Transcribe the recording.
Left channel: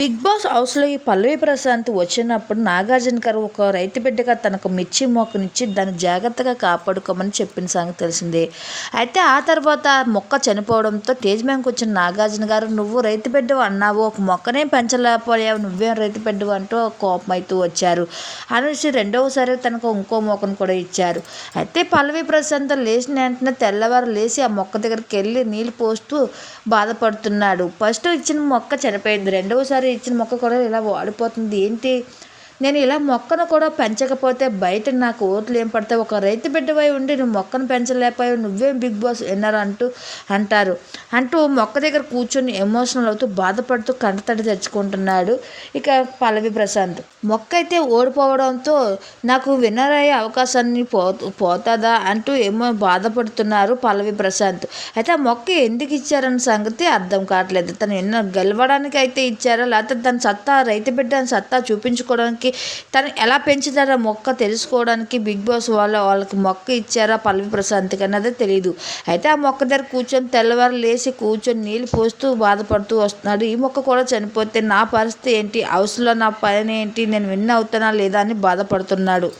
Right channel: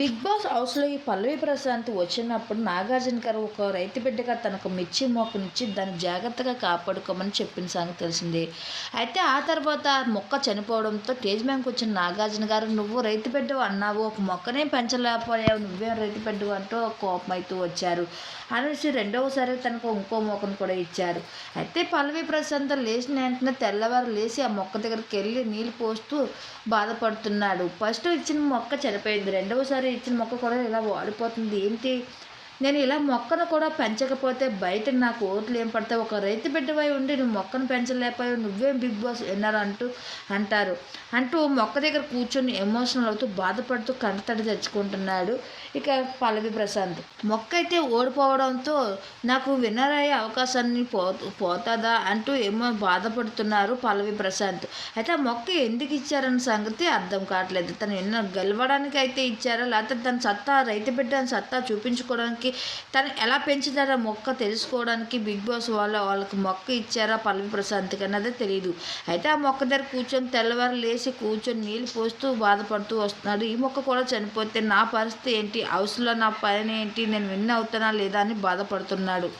Big boss హౌస్లో ఈ పల్లవి ప్రశాంత్ వచ్చినప్పుడు నాగార్జున గారు ఒక రైతు బిడ్డగా తనకు మిర్చి మొక్కనిచ్చి దాన్ని జాగ్రత్తగా కాపాడుకోమని చెప్పిన సంగతి తెలిసిందే. అయితే ఆ తర్వాత ఆ మొక్క చనిపోవడంతో తేజ్ బ్యాంక్ వచ్చిన నాగార్జున గారు నువ్వు రైతు బిడ్డ అన్నావు ఒక మొక్కనే పెంచలేకపోయావు నువ్వేం రైతు బిడ్డ అంటూ కోపం అవుతూ వచ్చారు. అనేసి రెండవసారి తనకు ఇంకో మొక్కను కూడా ఇచ్చారు. అయితే పల్లవి ప్రశాంత్ లేచిన వెంటనే తెల్లవారు లేచి ఆ మొక్క దగ్గరికి వెళ్ళి నీళ్ళు పోస్తూ బాధపడుతున్నాడు. ఫస్ట్ ఇచ్చిన మొక్క చనిపోయింది. రెండవసారి ఇచ్చిన మొక్క కూడా ఇలా వాడిపోతుంది. ఏంటి? నేను ఇలా మొక్కను కూడా పెంచకపోతే బయట నాకు ఓట్లు ఏం పడతాయి? ఒక రైతు బిడ్డవై ఉండి నువ్వు మొక్కను పెంచలేకపోయావు నువ్వేం బిగ్ బాస్ విన్నర్ అంటూ అంటారు. అంటూ మొక్క దగ్గర కూర్చొని ఎమోషనల్ అవుతూ బాధపడుతూ కంటతడి తెచ్చుకుంటున్నాడు ఇక పల్లవి ప్రశాంత్. మొక్క అయితే ఓడిపోవడంతో నాకు విన్నర్ అయ్యే అవకాశాన్ని పో పోతుందా అంటూ ఏమో బాధపడుతున్నారు పల్లవి ప్రశాంత్. అయితే ఆ మొక్క ఎందుకు ఇచ్చారన్న సంగతి అర్థం కావట్లేదు. తను ఎన్నో గెలవడానికి అయితే ఇచ్చారా? లేకపోతే తన సత్తా రైతు బిడ్డ సత్తా చూపించుకోవడానికి తను ఎలా పెంచుతారో మొక్క తెలుసుకోవడానికి బిగ్ బాస్ వాళ్ళు వాళ్ళకి మొక్క ఇచ్చారా పల్లవి ప్రశాంత్కి అన్నది తెలియదు అయితే ఆ మొక్క దగ్గర కూర్చొని తెల్లవారు లేచి కూర్చొని నీళ్ళు పోస్తూ బాధపడుతూ వస్తున్నాడు. ఈ మొక్క కూడా చనిపోతే నా పరిస్థితి ఏంటి? హౌస్లో నా పని ఏంటి? నేను విన్ అవుతానా లేదా అని బాధపడుతున్నాడు.